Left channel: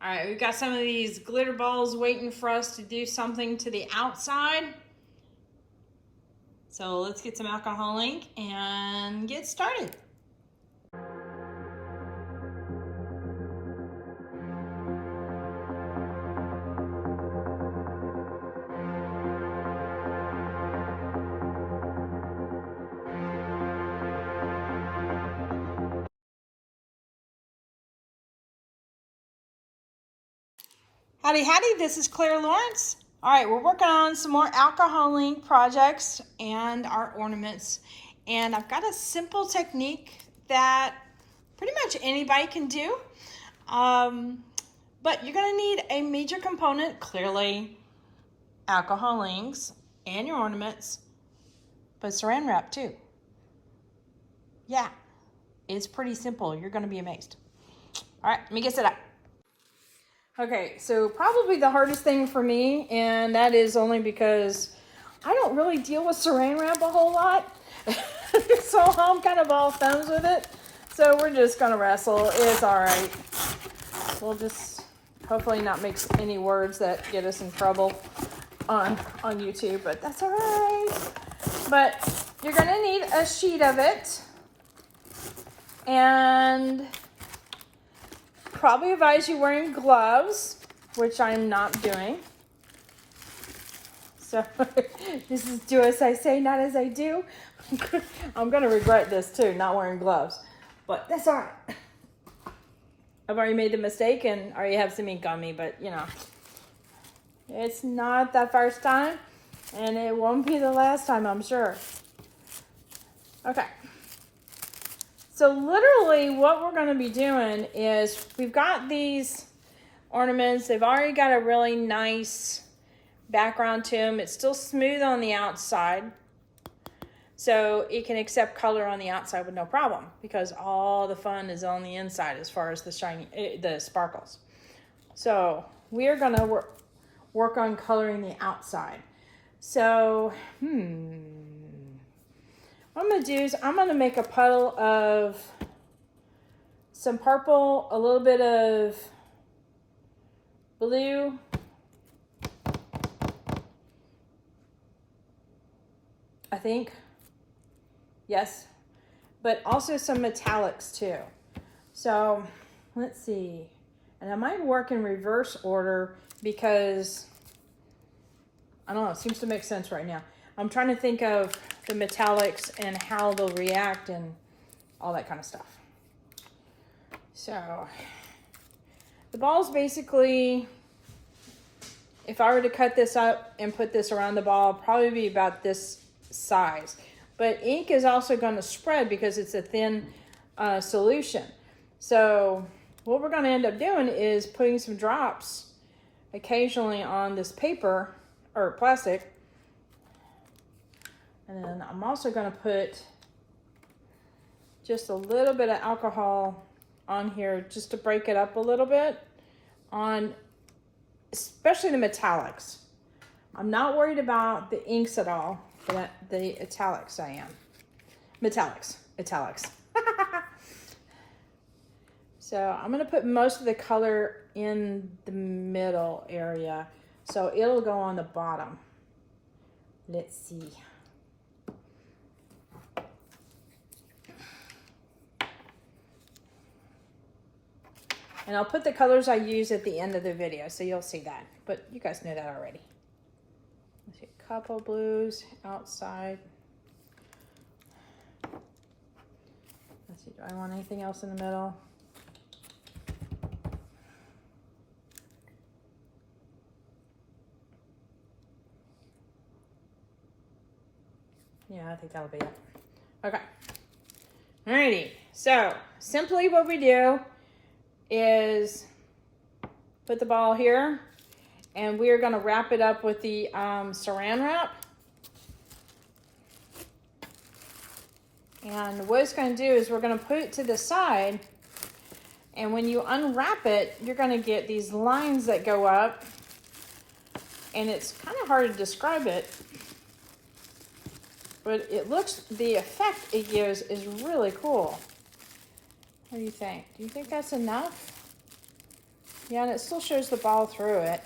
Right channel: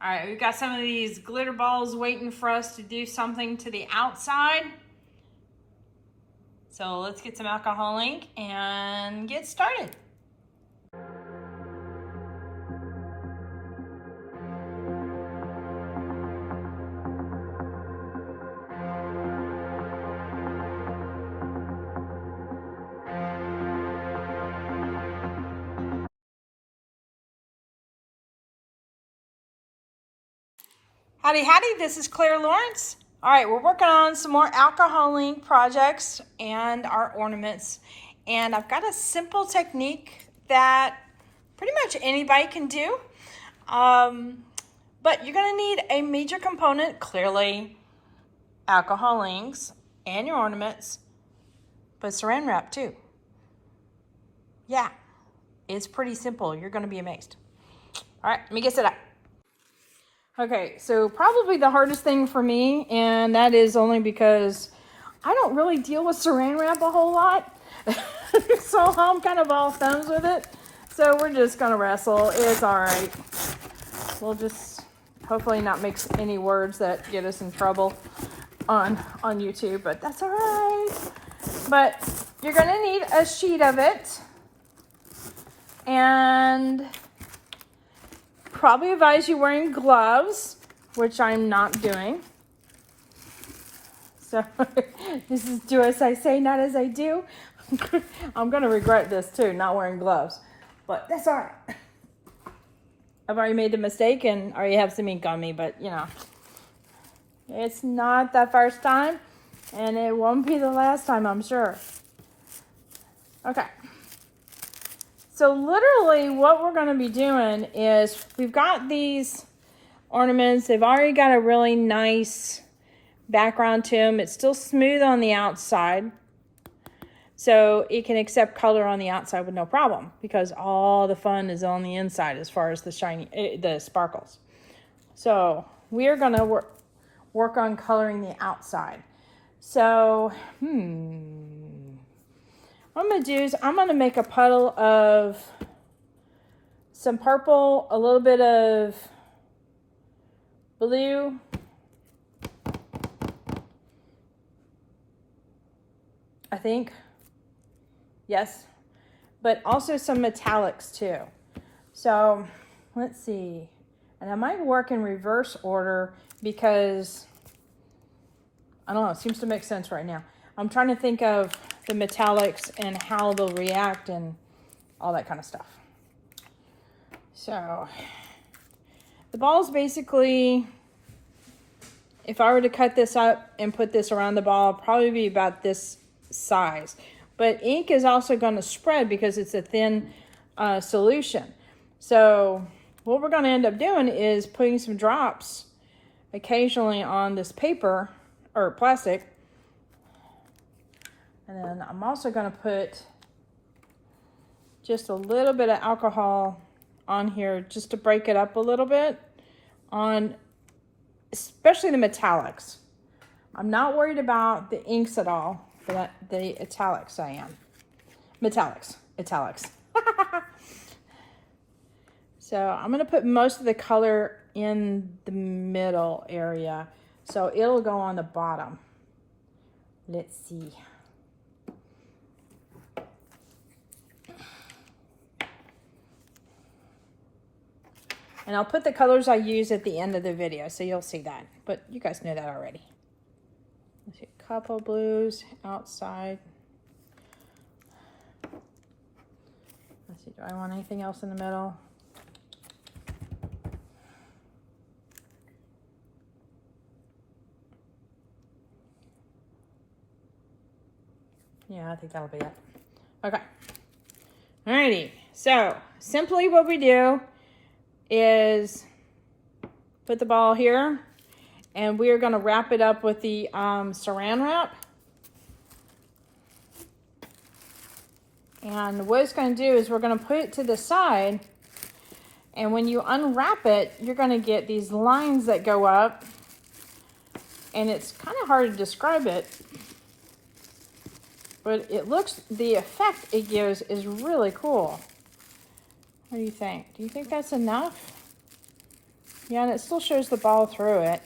All right, we've got some of these glitter balls waiting for us to do something to the outside. So let's get some alcohol ink and get started. Howdy, howdy, this is Clara Lawrence. All right, we're working on some more alcohol ink projects and our ornaments. And I've got a simple technique that pretty much anybody can do. But you're gonna need a major component, clearly alcohol inks and your ornaments, but saran wrap too. Yeah, it's pretty simple. You're gonna be amazed. All right, let me get set up. Okay, so probably the hardest thing for me, and that is only because I don't really deal with saran wrap a whole lot. So I'm kind of all thumbs with it. So we're just gonna wrestle. It's all right. We'll just hopefully not mix any words that get us in trouble on YouTube, but that's all right. But you're gonna need a sheet of it, and probably advise you wearing gloves, which I'm not doing. So this is do as I say, not as I do. I'm gonna regret this too, not wearing gloves, but that's all right. I've already made the mistake and already have some ink on me, but you know, it's not the first time and it won't be the last time, I'm sure. Okay. So literally what we're going to be doing is we've got these ornaments. They've already got a really nice background to them. It's still smooth on the outside. So it can accept color on the outside with no problem because all the fun is on the inside as far as the sparkles. So we are going to work on coloring the outside. So, what I'm going to do is I'm going to make a puddle of some purple, a little bit of blue, I think, yes, but also some metallics too. So let's see, and I might work in reverse order because, I don't know, it seems to make sense right now. I'm trying to think of the metallics and how they'll react and all that kind of stuff. So the ball's basically, if I were to cut this up and put this around the ball, probably be about this size. But ink is also going to spread because it's a thin solution. So what we're going to end up doing is putting some drops occasionally on this paper or plastic. And then I'm also going to put just a little bit of alcohol on here just to break it up a little bit on especially the metallics. I'm not worried about the inks at all, but the italics I am. Metallics. So I'm going to put most of the color in the middle area. So it'll go on the bottom. Let's see. And I'll put the colors I use at the end of the video, so you'll see that. But you guys know that already. Let's see, a couple blues outside. Let's see, do I want anything else in the middle? Yeah, I think that'll be it. Okay. Alrighty, so simply what we do is put the ball here and we are going to wrap it up with the saran wrap. And what it's going to do is we're going to put it to the side, and when you unwrap it, you're going to get these lines that go up, and it's kind of hard to describe it, but it looks, the effect it gives is really cool. What do you think? Do you think that's enough? Yeah, and it still shows the ball through it.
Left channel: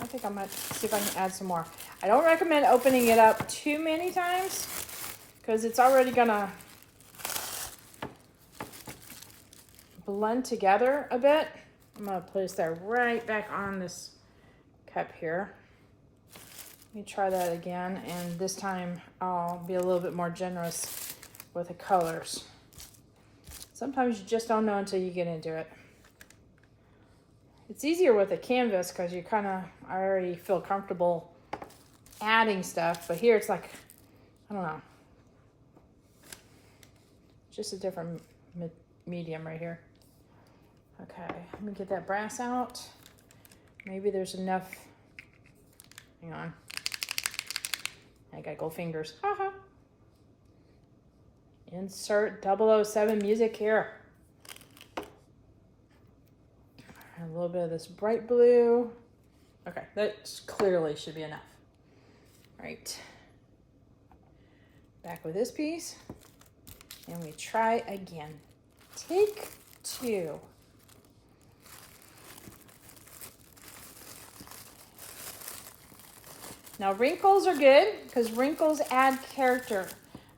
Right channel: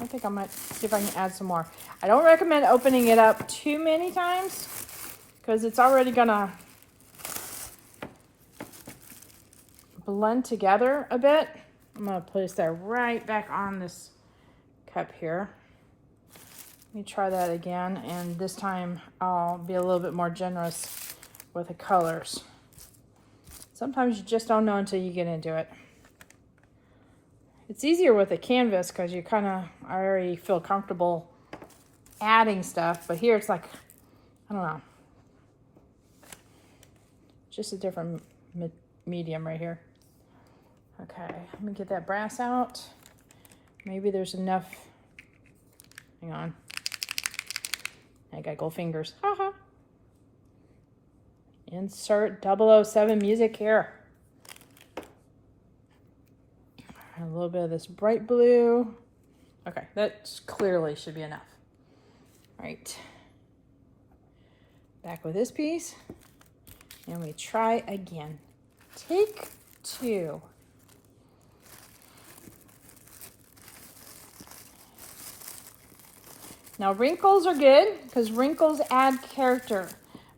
I think I might see if I can add some more. I don't recommend opening it up too many times because it's already gonna blend together a bit. I'm gonna place that right back on this cup here. Let me try that again, and this time I'll be a little bit more generous with the colors. Sometimes you just don't know until you get into it. It's easier with a canvas because you kind of already feel comfortable adding stuff, but here it's like, I don't know. Just a different medium right here. Okay, let me get that brass out. Maybe there's enough. Hang on. I got gold fingers. Haha. Insert 007 music here. A little bit of this bright blue. Okay, that clearly should be enough. Right. Back with this piece. And we try again. Take 2. Now wrinkles are good because wrinkles add character.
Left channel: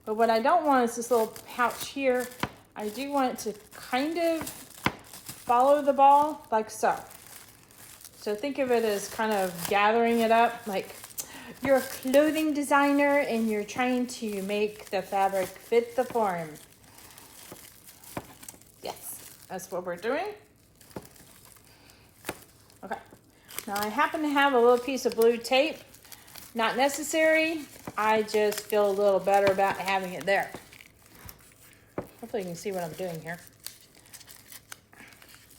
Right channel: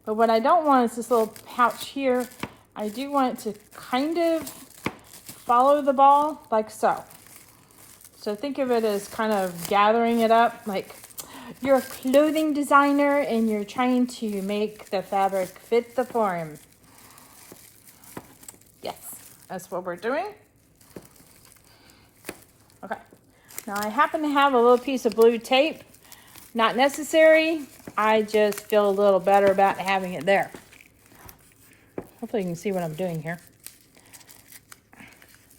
But what I don't want is this little pouch here. I do want it to kind of follow the ball like so. So think of it as kind of gathering it up, like you're a clothing designer and you're trying to make the fabric fit the form. Yes, that's what we're doing. Okay, now I happen to have a little piece of blue tape. Not necessary, I just feel a little better about having it there. Hopefully you can see what I'm doing here.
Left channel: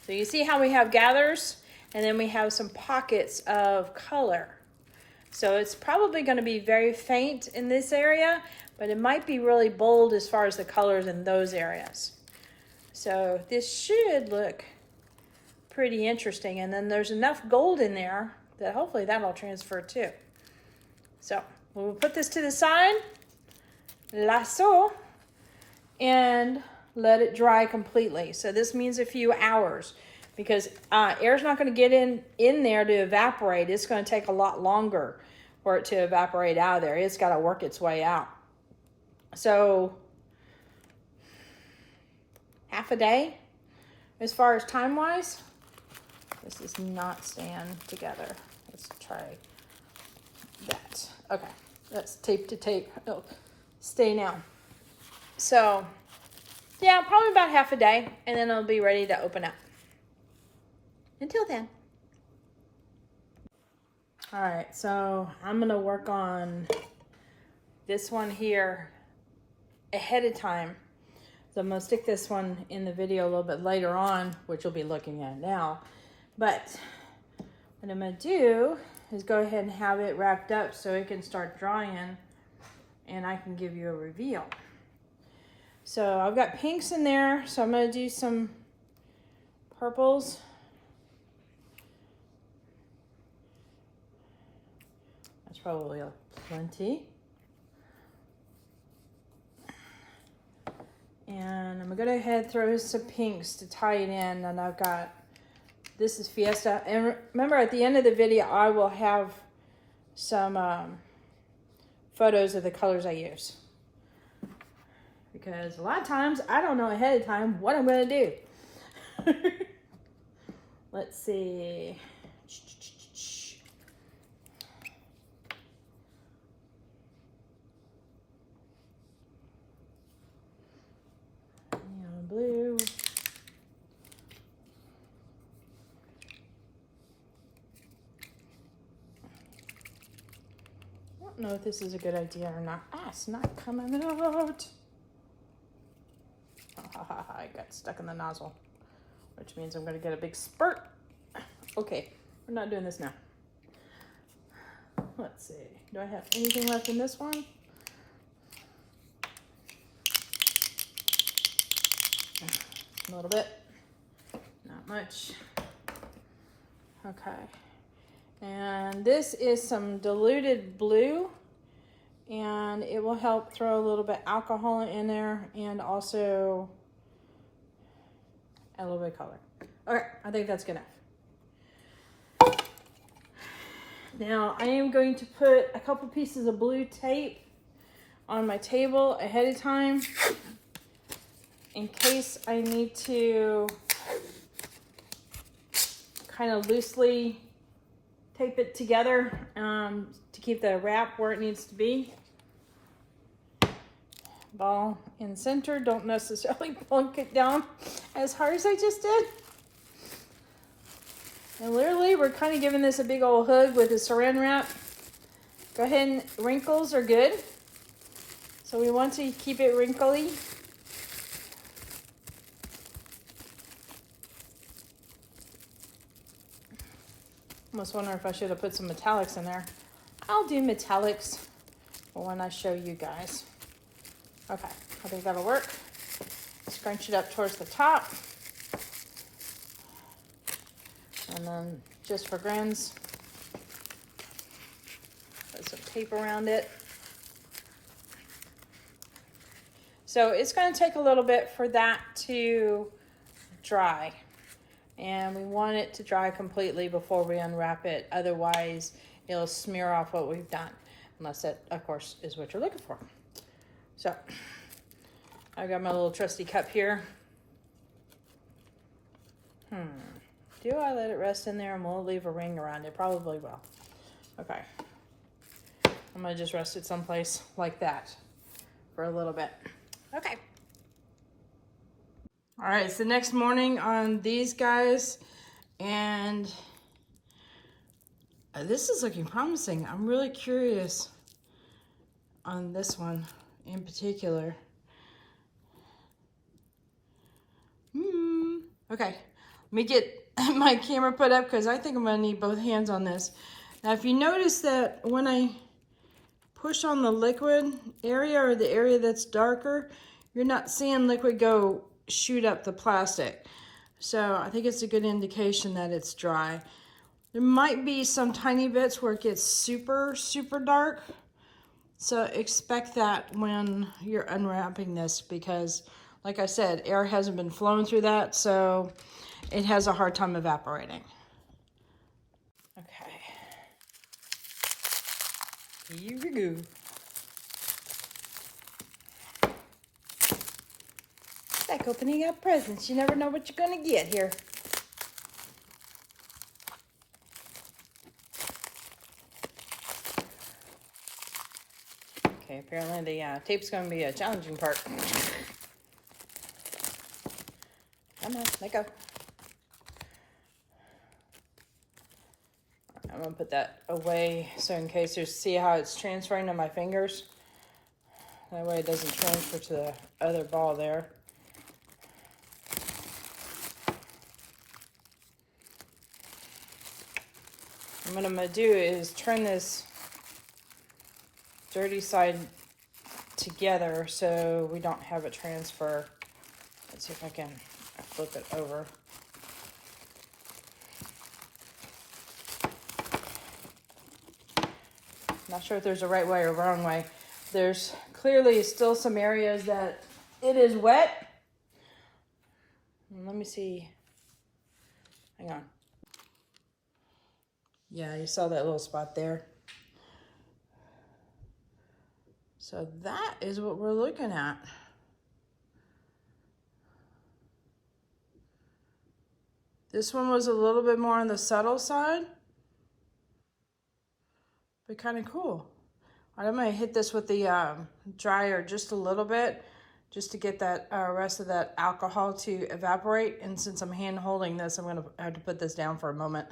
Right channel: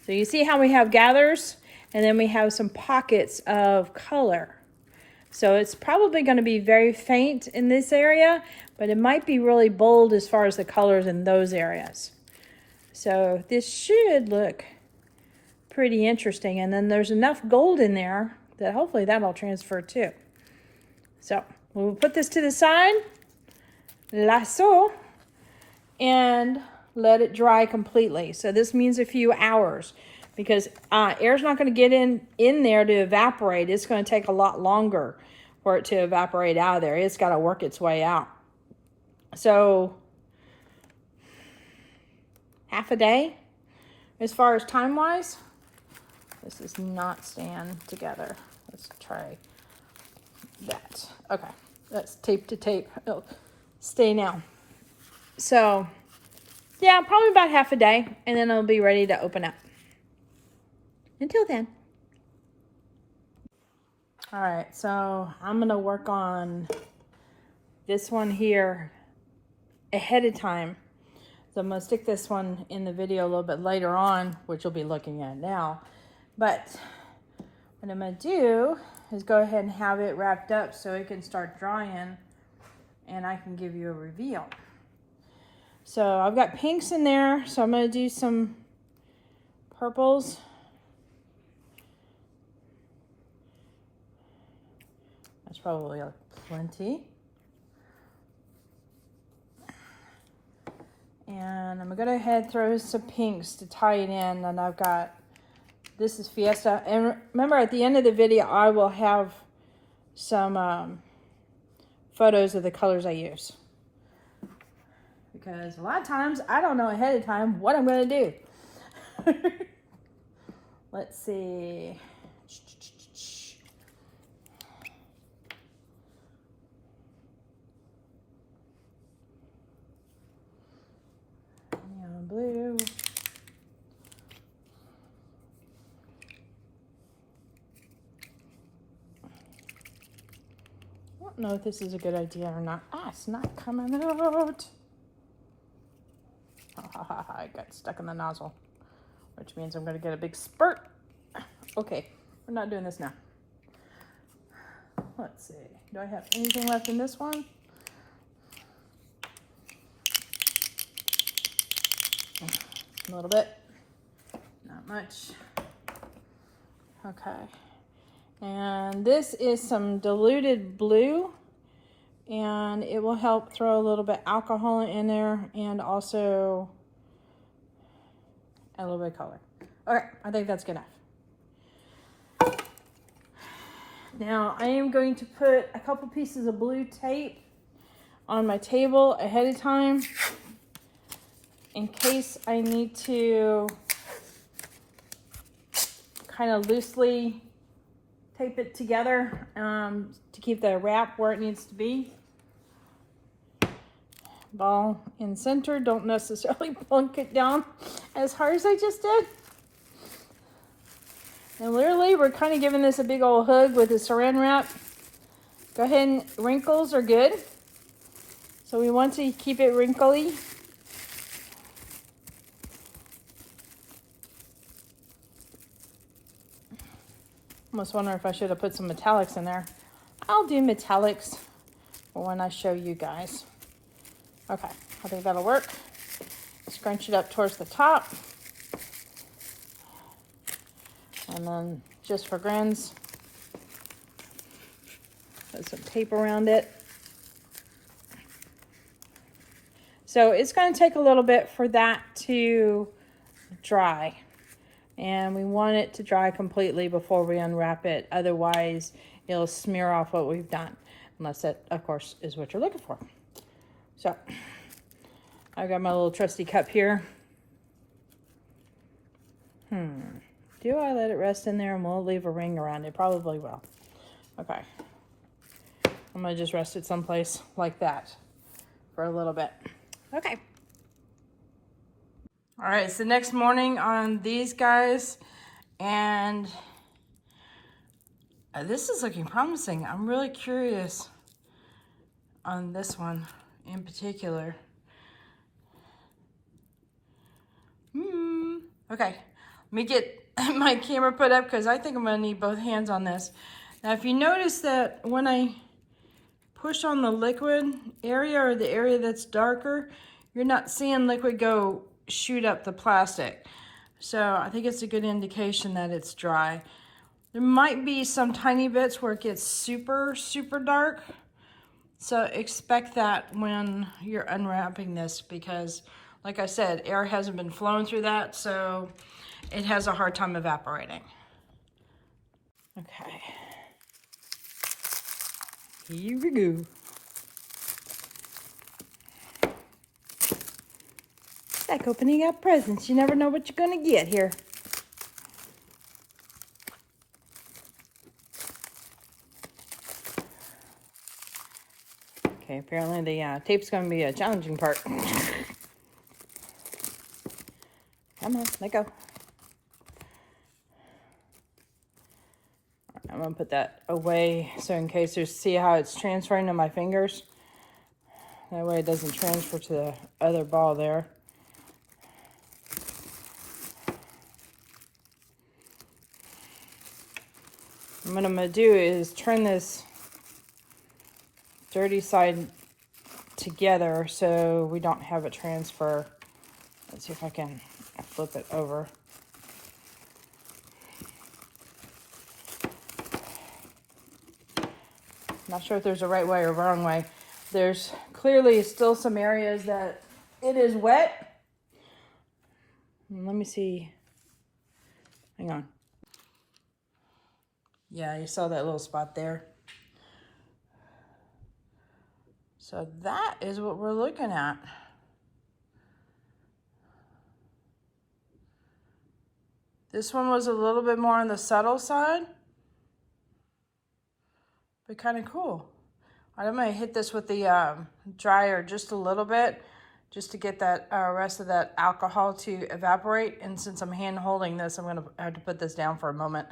So you see how we have gathers and then we have some pockets of color. So it's probably going to be very faint in this area, but it might be really bold as far as the colors in those areas. So this should look pretty interesting. And then there's enough gold in there that hopefully that'll transfer too. So we'll put this to the side, lasso, and let it dry completely. So this means a few hours because air's not going to get in there to evaporate. It's going to take a lot longer for it to evaporate out of there. It's got to work its way out. So half a day as far as time-wise. This does not stand together. Let's try that. Okay, that's tape to tape. It'll stay now. So yeah, probably about half a day, and then it'll be ready to open up. Until then. All right, so I'm gonna work on this one here ahead of time. So I'm gonna stick this one in the video a little bit later on, which you'll be looking at now. But what I'm gonna do is go ahead and have it wrapped up so it can start drying and I can give you a reveal. So I've got pinks in there, so I'm gonna do some purples. That's probably like plenty. And I'm gonna go ahead and throw some pinks to tie it in, and I've got, this is Fiesta. And remember, at the end of the video, I will have some photos of the colors I use. Because a lot of times, I don't know ahead of time what I'm gonna do. Let's see. Neon blue. I don't know if this is a good idea or not. Ah, it's not coming out. I got stuck in the nozzle, which means I'm going to get a big spurt. Okay, we're not doing this now. Let's see. Do I have anything left in this one? A little bit. Not much. Okay. And this is some diluted blue and it will help throw a little bit alcohol in there and also a little bit of color. Okay, I think that's good enough. Now I am going to put a couple pieces of blue tape on my table ahead of time in case I need to kind of loosely tape it together to keep the wrap where it needs to be. Ball in center, don't necessarily plunk it down as hard as I just did. And literally we're kind of giving this a big old hug with the saran wrap. Go ahead, and wrinkles are good. So we want to keep it wrinkly. Almost wonder if I should have put some metallics in there. I'll do metallics when I show you guys. Okay, I think that'll work. Scrunch it up towards the top. And then just for grins, put some tape around it. So it's going to take a little bit for that to dry. And we want it to dry completely before we unwrap it. Otherwise, it'll smear off what we've done. Unless that, of course, is what you're looking for. So, I've got my little trusty cup here. Do I let it rest in there and we'll leave a ring around it? Probably will. Okay. I'm going to just rest it someplace like that for a little bit. Okay. All right, it's the next morning on these guys, and this is looking promising. I'm really curious on this one in particular. Okay, let me get my camera put up because I think I'm gonna need both hands on this. Now, if you notice that when I push on the liquid area or the area that's darker, you're not seeing liquid go shoot up the plastic. So I think it's a good indication that it's dry. There might be some tiny bits where it gets super, super dark. So expect that when you're unwrapping this because, like I said, air hasn't been flowing through that, so it has a hard time evaporating. Okay. Here we go. It's like opening up presents. You never know what you're gonna get here. Okay, apparently the tape's gonna be a challenging part. Come on, let go. I'm gonna put that away so in case there's, see how it's transferring to my fingers? That way it doesn't transfer to the other ball there. And what I'm gonna do is turn this dirty side together so we don't have it transfer. Let's see if I can flip it over. Not sure if there's a right way or wrong way. There's clearly still some areas that it is wet. Let me see. Hang on. Yeah, you saw that little spot there. So that is what we're looking at. This one was a little bit more on the subtle side, but kind of cool. I'm gonna hit this with the dryer just a little bit, just to get that rest of that alcohol to evaporate. And since I'm hand holding this, I'm gonna have to put this down for a moment.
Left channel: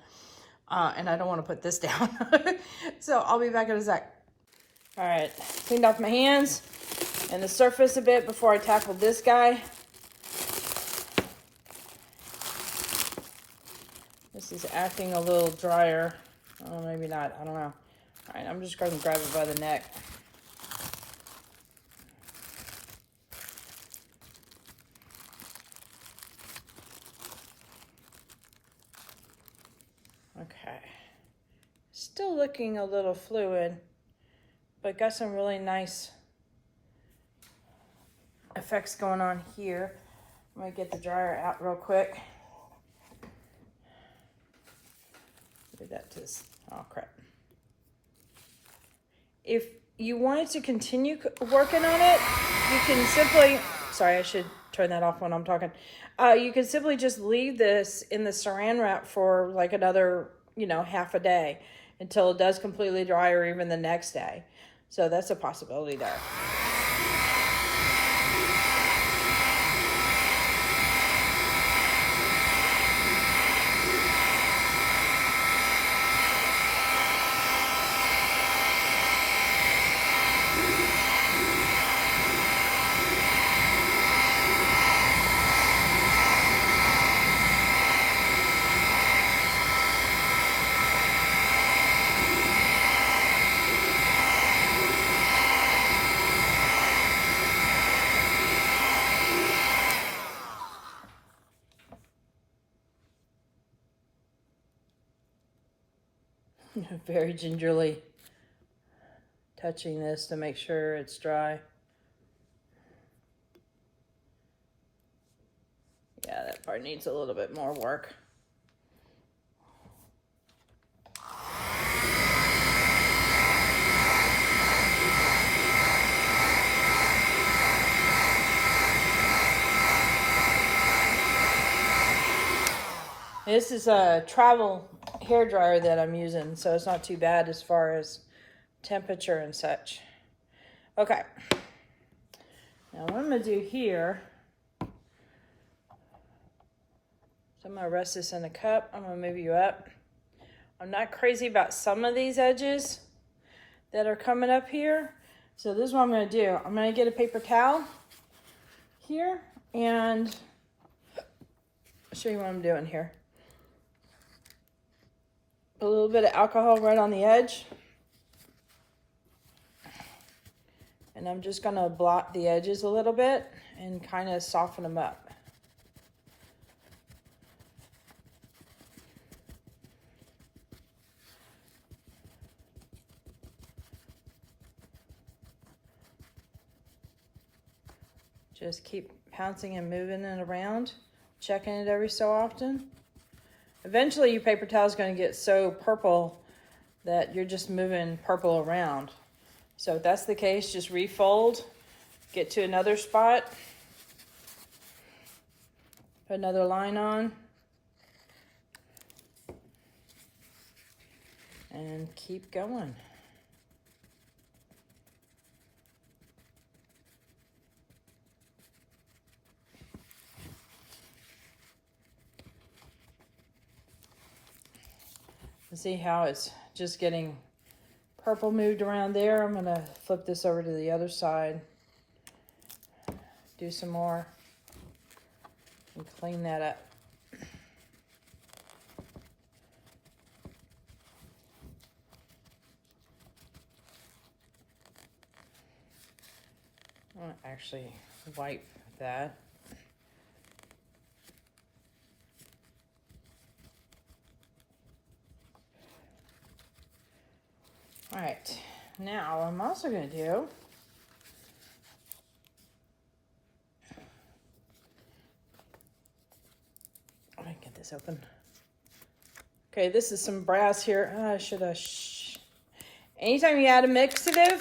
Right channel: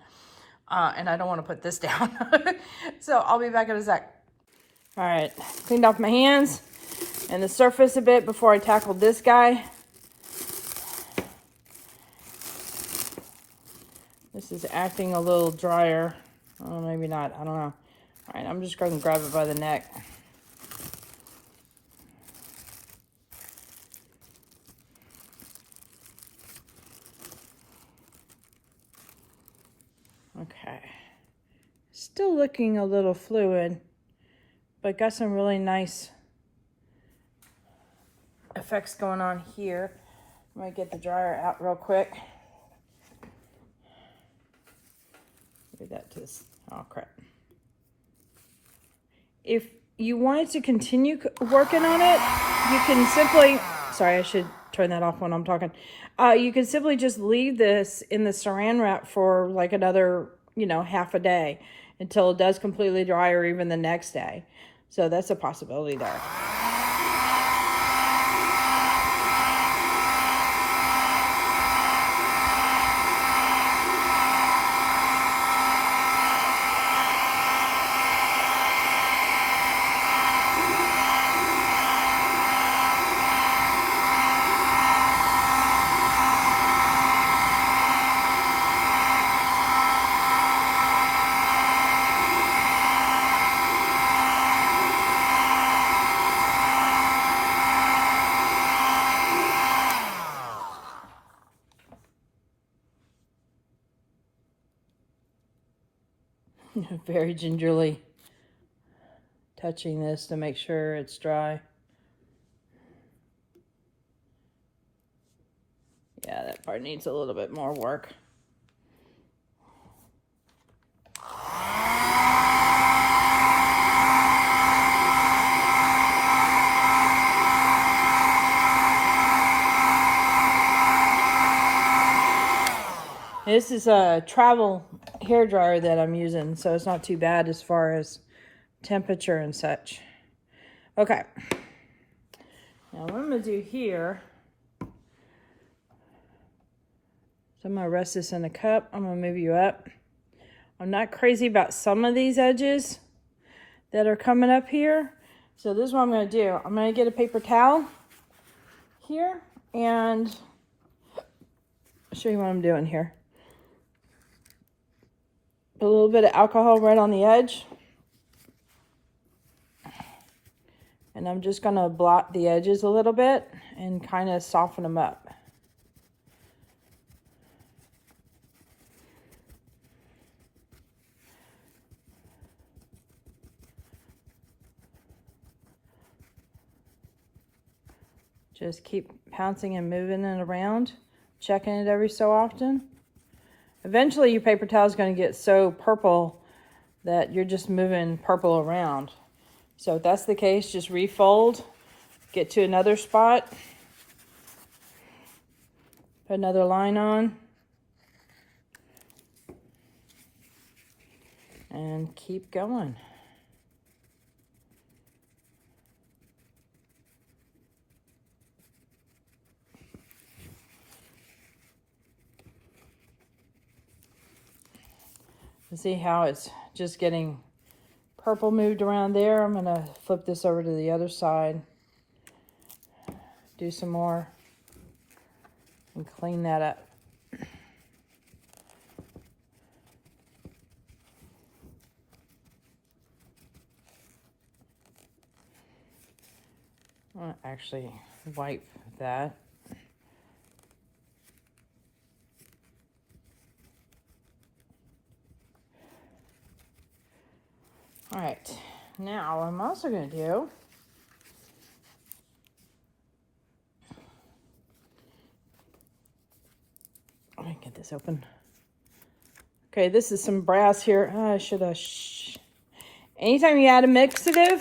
And I don't wanna put this down. So I'll be back in a sec. All right, cleaned off my hands and the surface a bit before I tackled this guy. This is acting a little drier. Oh, maybe not, I don't know. All right, I'm just going to grab it by the neck. Okay. Still looking a little fluid, But got some really nice effects going on here. I'm gonna get the dryer out real quick. Do that to this. Oh crap. If you wanted to continue working on it, you can simply, sorry, I should turn that off when I'm talking. You can simply just leave this in the saran wrap for like another, you know, half a day until it does completely dry, or even the next day. So that's a possibility there. Very gingerly touching this to make sure it's dry. Yeah, that part needs a little bit more work. This is a travel hair dryer that I'm using, so it's not too bad as far as temperature and such. Okay. Now what I'm gonna do here, so I'm gonna rest this in a cup. I'm gonna move you up. I'm not crazy about some of these edges that are coming up here. So this is what I'm gonna do. I'm gonna get a paper towel here and I'll show you what I'm doing here. A little bit of alcohol right on the edge. And I'm just gonna blot the edges a little bit and kind of soften them up. Just keep pouncing and moving it around, checking it every so often. Eventually your paper towel is going to get so purple that you're just moving purple around. So if that's the case, just refold, get to another spot, put another line on, and keep going. See how it's just getting purple moved around there. I'm gonna flip this over to the other side, do some more, and clean that up. I'll actually wipe that. All right, now I'm also going to do I can get this open. Okay, this is some brass here. I should have. Anytime you add a mixative,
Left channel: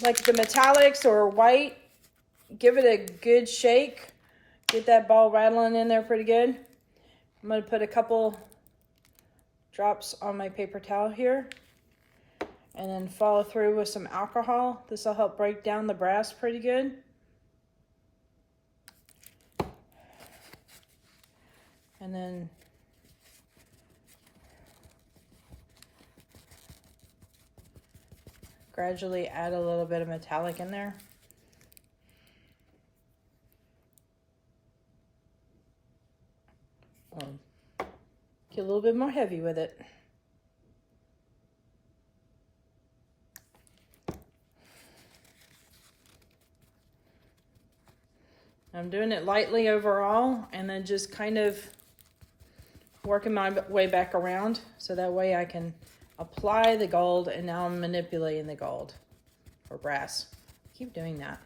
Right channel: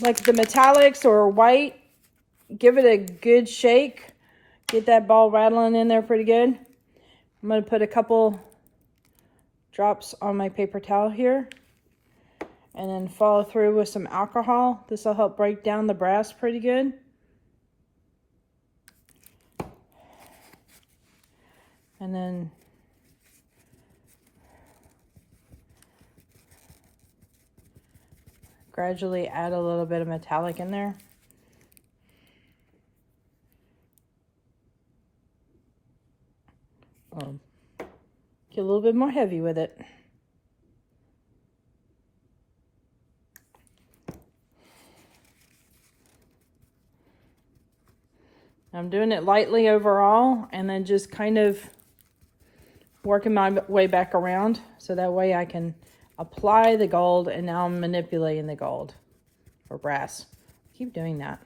like the metallics or white, give it a good shake. Get that ball rattling in there pretty good. I'm going to put a couple drops on my paper towel here. And then follow through with some alcohol. This will help break down the brass pretty good. And then gradually add a little bit of metallic in there. Get a little bit more heavy with it. I'm doing it lightly overall and then just kind of working my way back around so that way I can apply the gold, and now I'm manipulating the gold or brass. Keep doing that.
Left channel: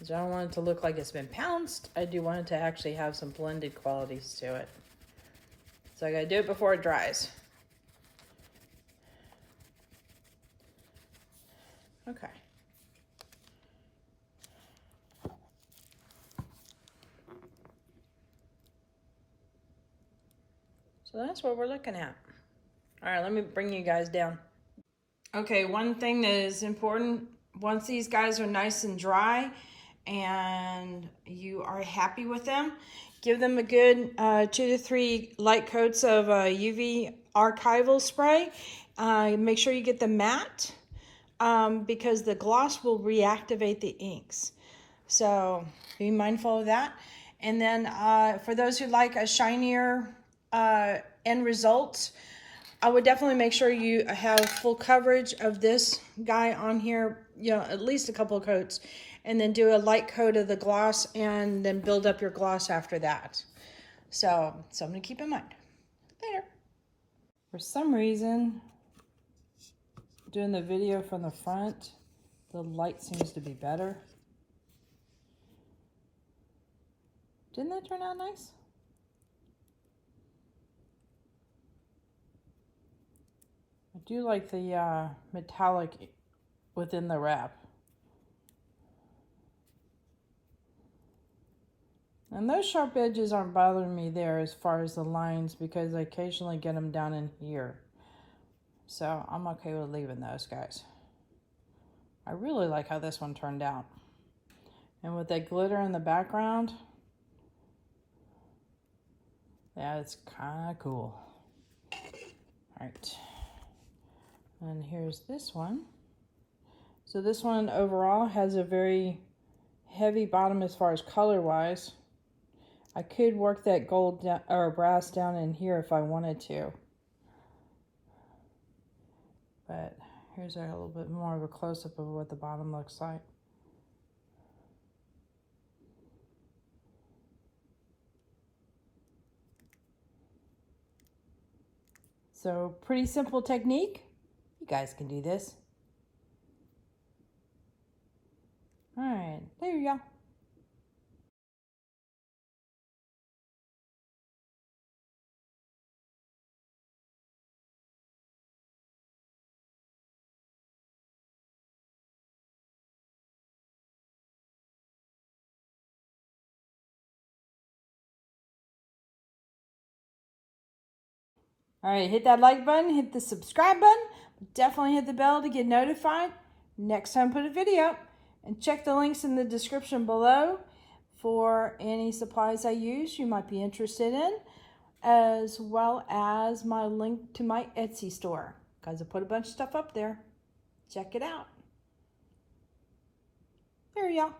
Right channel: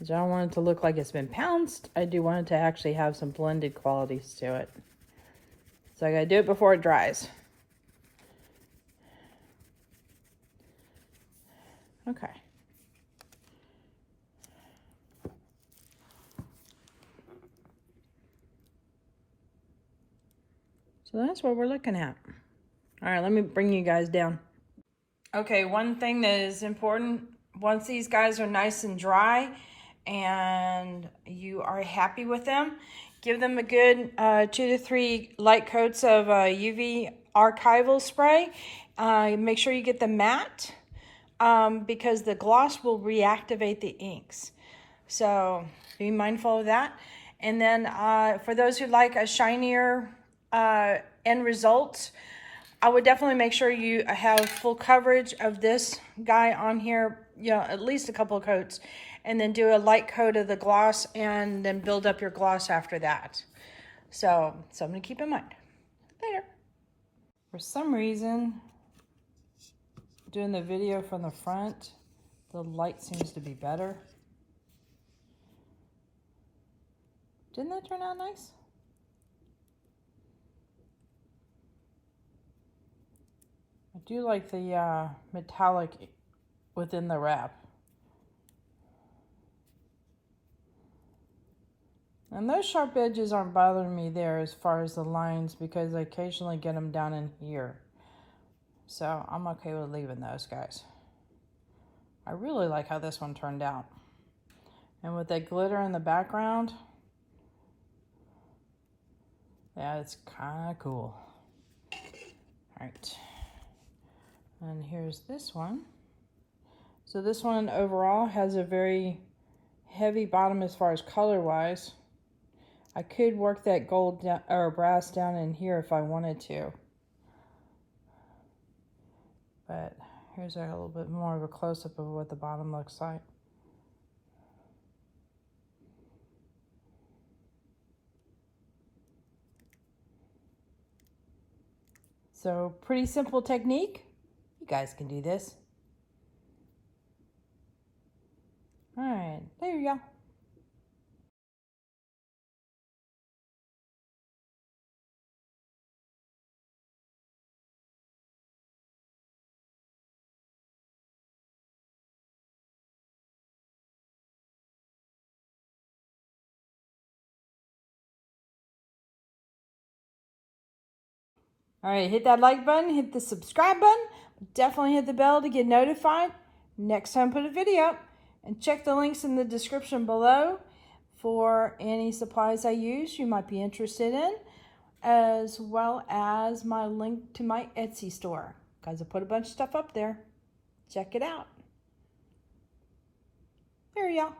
I don't want it to look like it's been pounced. I do want it to actually have some blended qualities to it. So I gotta do it before it dries. Okay. So that's what we're looking at. All right, let me bring you guys down. Okay, one thing that is important, once these guys are nice and dry and you are happy with them, give them a good 2 to 3 light coats of UV archival spray. Make sure you get the matte because the gloss will reactivate the inks. So be mindful of that. And then for those who like a shinier end result, I would definitely make sure you have full coverage of this guy on here, you know, at least a couple of coats, and then do a light coat of the gloss and then build up your gloss after that. So something to keep in mind. Later. For some reason, doing the video from the front, the light seems to be better. Didn't that turn out nice? I do like the metallic within the wrap. And those sharp edges aren't bothering me there as far as the lines because I occasionally get them down in here. So I'm okay with leaving those guys. I really like how this one turned out. And with that glitter in the background, yeah, it's kind of cool. All right. And here's this one. So this one overall has a very heavy bottom as far as color wise. I could work that gold down, or brass down in here if I wanted to. But here's a little bit more of a close-up of what the bottom looks like. So pretty simple technique. You guys can do this. All right, there you go. All right, hit that like button, hit the subscribe button, definitely hit the bell to get notified next time I put a video up, and check the links in the description below for any supplies I use you might be interested in, as well as my link to my Etsy store, because I put a bunch of stuff up there. Check it out. There you go.